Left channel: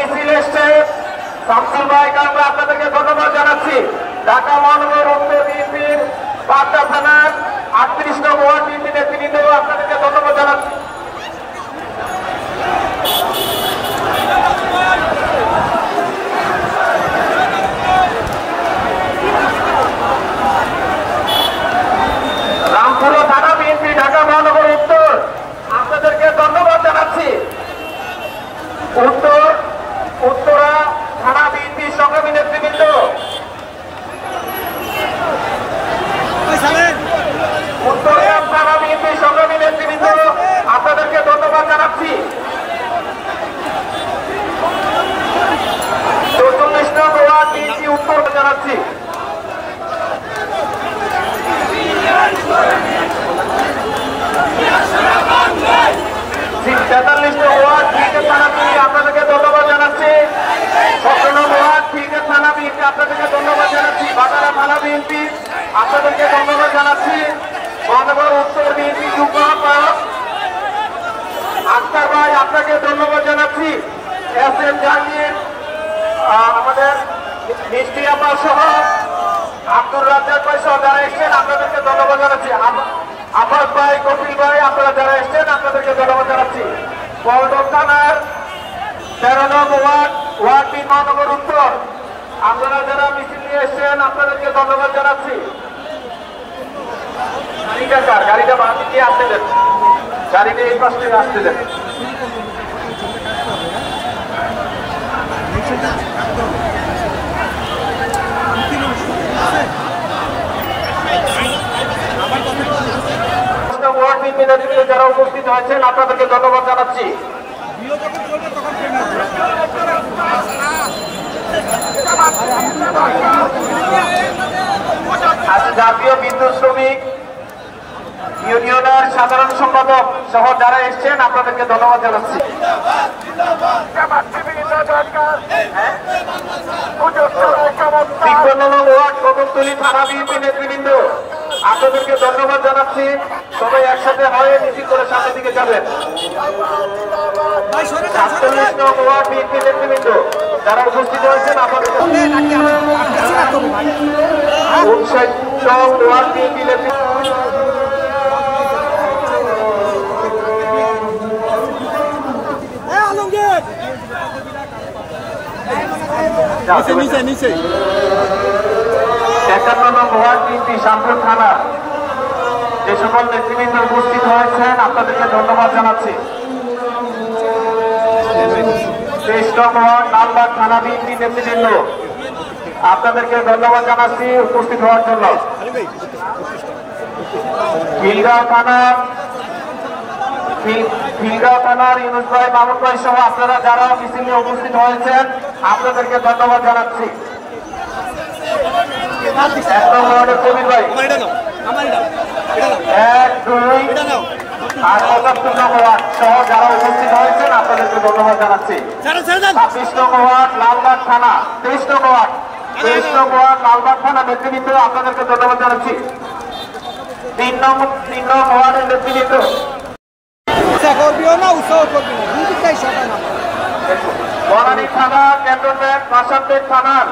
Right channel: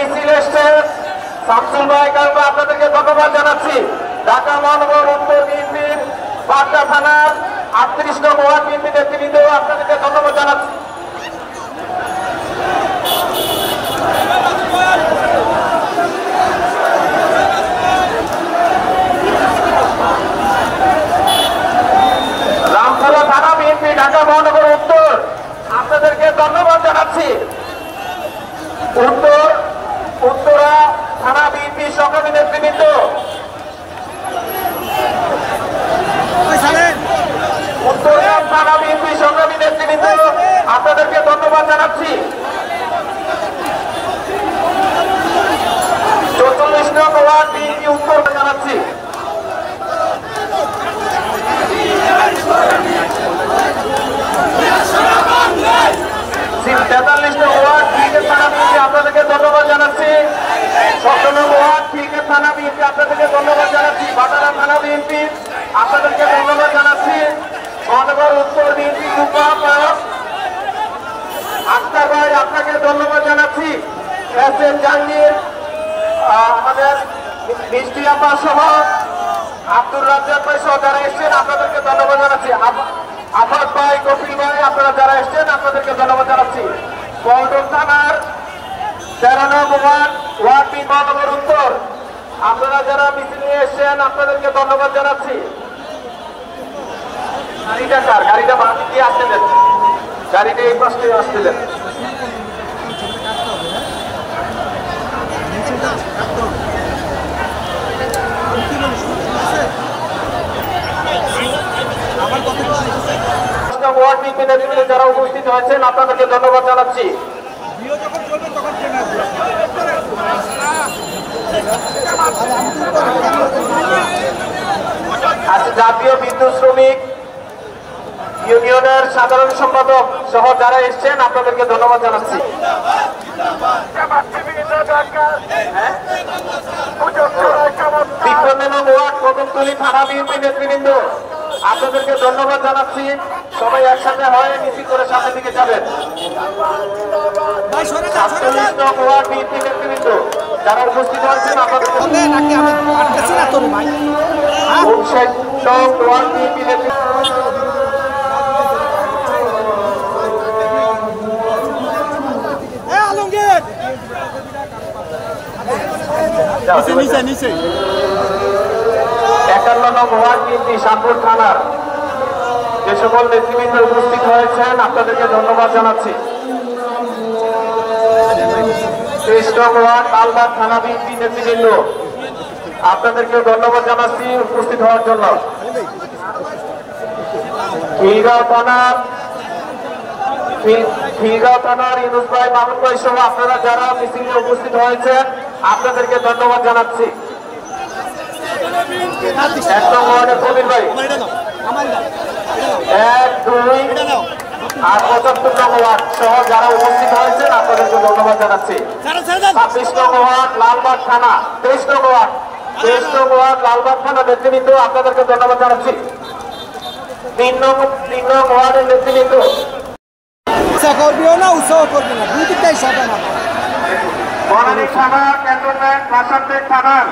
মিছিল এসছে শামসুল ভাই কারণে আপনাদেরকে ধন্যবাদ জানাচ্ছি। ঢাকা মহানগর উত্তর বিএনপির পাঁচটা থানার 38 নং ওয়ার্ড বিএনপি নেতৃবৃন্দ আপনাদেরকে ধন্যবাদ জানাচ্ছি। রামপুরা থানা বিএনপি ঢাকা মহানগর উত্তর আপনাদেরকে ধন্যবাদ জানাচ্ছি। উত্তরা থানা বিএনপি সংগ্রামী নেতৃবৃন্দ উত্তরা থানা বিএনপি সংগ্রামী নেতৃবৃন্দ আপনাদেরকে ধন্যবাদ জানাচ্ছি। 44 নং ওয়ার্ড বিএনপি উত্তর জানাচ্ছি। 43 নং ওয়ার্ড বিএনপি আপনাদেরকে ধন্যবাদ জানাচ্ছি। 17 নং ওয়ার্ড বিএনপি থানা বিএনপি আপনাদেরকে ধন্যবাদ জানাচ্ছি। বাজারা থানা বিএনপি আপনাদেরকে ধন্যবাদ জানাচ্ছি। মহানগর উত্তর বিএনপি আস্তা ভাই আপনাকে ধন্যবাদ জানাচ্ছি। এস এম জাহাঙ্গীর আমাদের মিষ্টি আপা সহ আব্দুর রাজ্জাক ভাই সহ যারা এসছেন আপনাদেরকে ধন্যবাদ জানাচ্ছি। আফাদ ভাই কপিল ভাই আপনারা যারা এসছেন আপনাদেরকে ধন্যবাদ জানাচ্ছি। পল্টন থানার 13 নং ওয়ার্ড বি মহানগর উত্তর আপনারা যারা মিছিল নিয়ে এসছেন আপনাদেরকে ধন্যবাদ জানাচ্ছি। গাড়িটা বাকি দিয়ে আসতে দেন, গাড়িটা এই পাশে আসতে দেন। ওয়ার্ড বিএনপি নেতৃবৃন্দ যারা উপস্থিত হয়েছেন আপনাদেরকে ধন্যবাদ জানাচ্ছি। জাতীয় বিদ্যুৎ শ্রমিক ইউনিয়নের সাধারণ সম্পাদক সহ যারা এসছেন আপনাদেরকে ধন্যবাদ জানাচ্ছি। 53 নং ওয়ার্ড কদমতলী থানা বিএনপি নেতৃবৃন্দ আপনাদেরকে ধন্যবাদ জানাচ্ছি। সবাই একসাথে হয়ে মিছিল করে সামনের দিকে যাবেন। 47 নং ওয়ার্ড বিএনপি নেতৃবৃন্দ যারা উপস্থিত হয়েছেন আপনাদেরকে 59 নং ওয়ার্ড বিএনপি নেতৃবৃন্দ নিচে 51 নং ওয়ার্ড বিএনপি শামপুর থানা যে সকল নেতৃবৃন্দ উপস্থিত হয়েছেন আপনাদেরকে ধন্যবাদ জানাচ্ছি। 23 নং ওয়ার্ড লালবাগ থানা বিএনপি নেতৃবৃন্দ আপনাদেরকে ধন্যবাদ জানাচ্ছি উপস্থিত হওয়ার জন্য। খিলগাঁও থানার ইউনুস ভাই মামুন ভাই সহ আপনারা যারা মিছিলে উপস্থিত হয়েছেন আপনাদেরকে ধন্যবাদ জানাচ্ছি। 1 নং ওয়ার্ডের কবির ভাই 1, 2 আর 75 নং ওয়ার্ড সহ যারা উপস্থিত হয়েছেন আপনাদেরকে ধন্যবাদ জানাচ্ছি। 26 নং ওয়ার্ড লালবাগ থানা 23 নং ওয়ার্ড লালবাগ থানা নেতৃবৃন্দ আপনাদেরকে ধন্যবাদ জানাচ্ছি। 3 নং ওয়ার্ডের নেতৃবৃন্দ বনানী থানা ক্যান্টনমেন্ট ভাসানবেগ থানার